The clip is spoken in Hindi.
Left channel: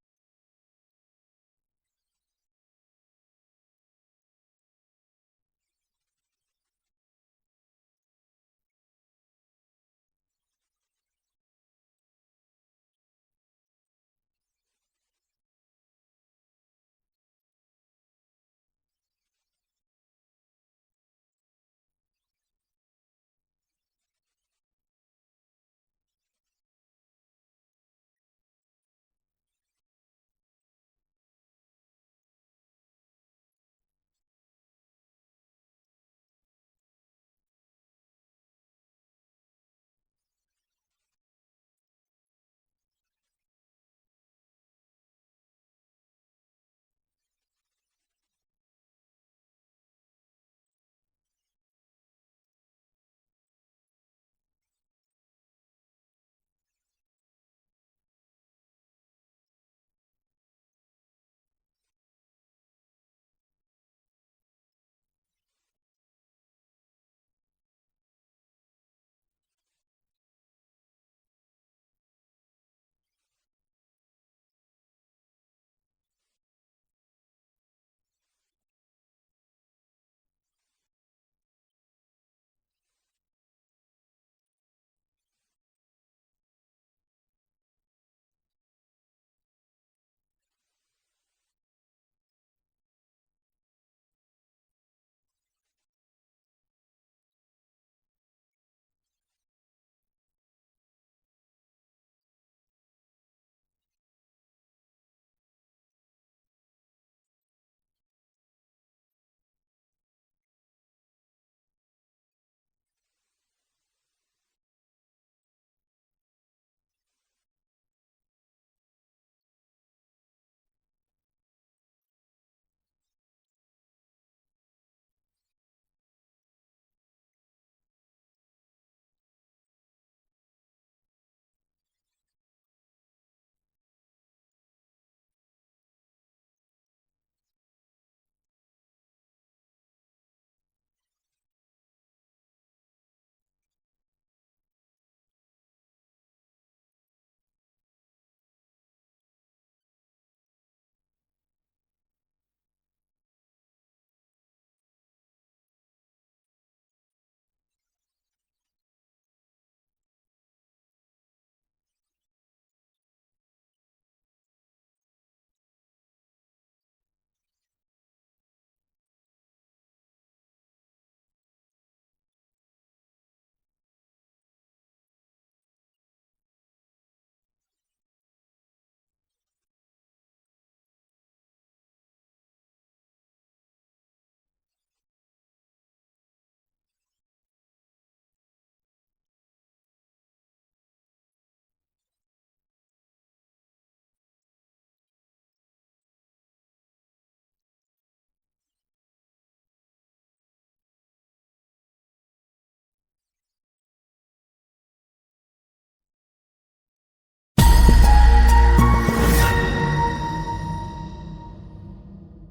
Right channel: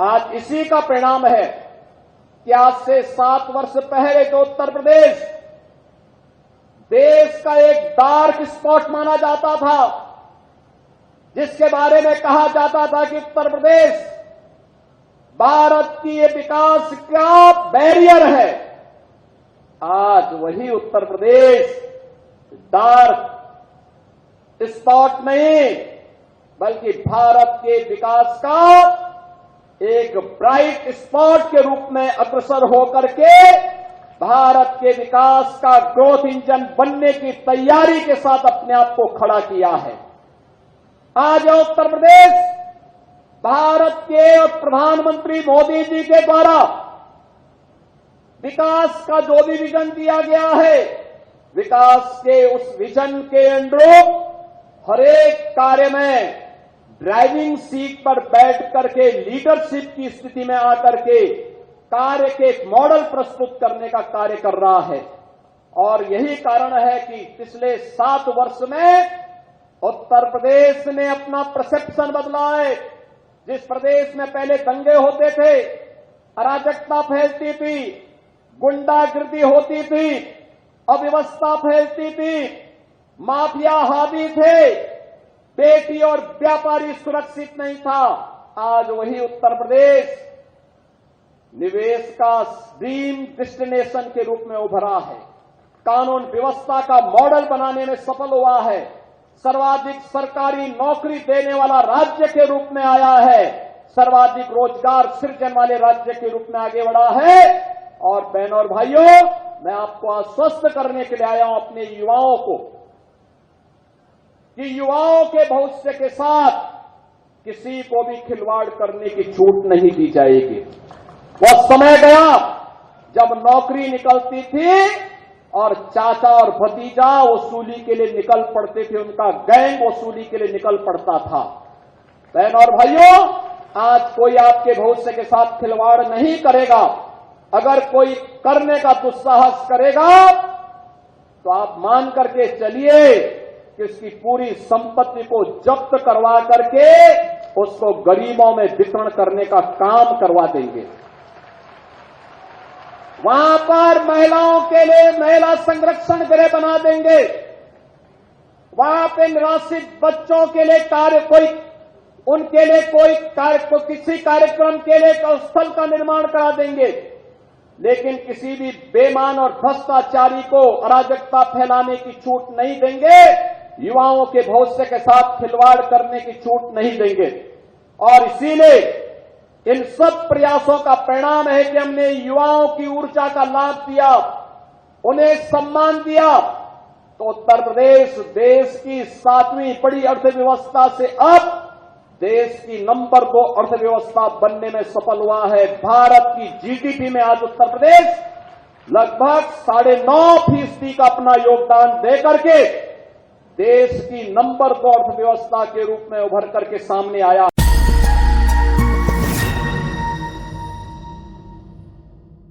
आज इसी का परिणाम है कि आज से 7 वर्ष पहले तो उत्तर प्रदेश देश का एक डार्क स्पॉट माना जाता था, जिसके बारे में कहा जाता था कि उत्तर प्रदेश भारत की ये विकास का बैरियर है। आज वही उत्तर प्रदेश डार्क स्पॉट नहीं, बल्कि भारत के विकास का एक ब्राइट स्पॉट के रूप में अग्रसर होकर के भारत के विकास का ग्रोथ इंजन बनने की तैयारी के साथ अपने आप को खड़ा किया है। आज उत्तर प्रदेश भारत के और प्रधानमंत्री मोदी जी के द्वारा विकास का जो भी विजन दिया गया है, विकास के उस विजन के अनुरूप हर एक कार्य में ड्राइविंग सीट पर बैठ करके लीडरशिप की स्थिति में आकर के कार्य के एक मॉडल प्रस्तुत करने का कार्य कर रहा है। और यही कारण है कि पिछले 7 वर्ष में उत्तर प्रदेश ने अपना परसेप्शन बदला है। जिस प्रदेश में पहले दंगे होते थे, अराजकता फैलती थी, गुंडागिर्दी होती थी, अव्यवस्था फैलती थी, माफिया हावी थे, बेटी और व्यापारी सुरक्षित नहीं था, आज वही उत्तर प्रदेश निवेश का ड्रीम डेस्टिनेशन के रूप में उभरा है। कानून व्यवस्था का मॉडल बनाने में सफल हुआ है। सर्वाधिक सरकारी नौकरी देने वाला राज्य के रूप में आया है। सर्वाधिक रोजगार सृजन वाले राज्य के रूप में आगे बढ़ा है। और बहनों और भाइयों, मैं आपको आश्वस्त करने के लिए आया हूं अपने युवाओं को कि युवाओं के भविष्य के साथ किसी को भी खिलवाड़ करने की छूट नहीं दी जाएगी। वह समय गया जब नौकरी निकलती थी और चाचा और भतीजा वसूली के लिए निकल पड़ते थे, उनका गैंग वसूली के लिए निकल पड़ता था। बहनों और भाइयों, आज कोई आपके भविष्य के साथ खिलवाड़ नहीं करेगा। अगर कोई करने का दुस्साहस करेगा तो आप मान करके चलिए कि उसकी पूरी संपत्ति को जब्त करवा करके उसको गरीबों में वितरण करने का काम करवा देंगे। वहां पर महिलाओं के लिए महिला संरक्षण गृह बना देंगे। वहां पे निराश्रित बच्चों के लिए उनके लिए किसी कार्यक्रम के लिए स्थल का निर्माण करा देंगे। लेकिन किसी भी बेईमान और भ्रष्टाचारी को अराजकता फैलाने की छूट नहीं देंगे। युवाओं के भविष्य के साथ खिलवाड़ करने की छूट नहीं देंगे। और इसीलिए इन सब प्रयासों का परिणाम है कि हमने युवाओं की ऊर्जा का लाभ दिया, उन्हें सम्मान दिया, तो उत्तर प्रदेश देश की 7वीं बड़ी अर्थव्यवस्था से अब देश की नंबर 2 अर्थव्यवस्था बनने में सफल हुआ है। भारत की जीडीपी में आज उत्तर प्रदेश लगभग 9.5% का अपना योगदान दे करके देश की नंबर 2 अर्थव्यवस्था के रूप में उभर करके सामने आया।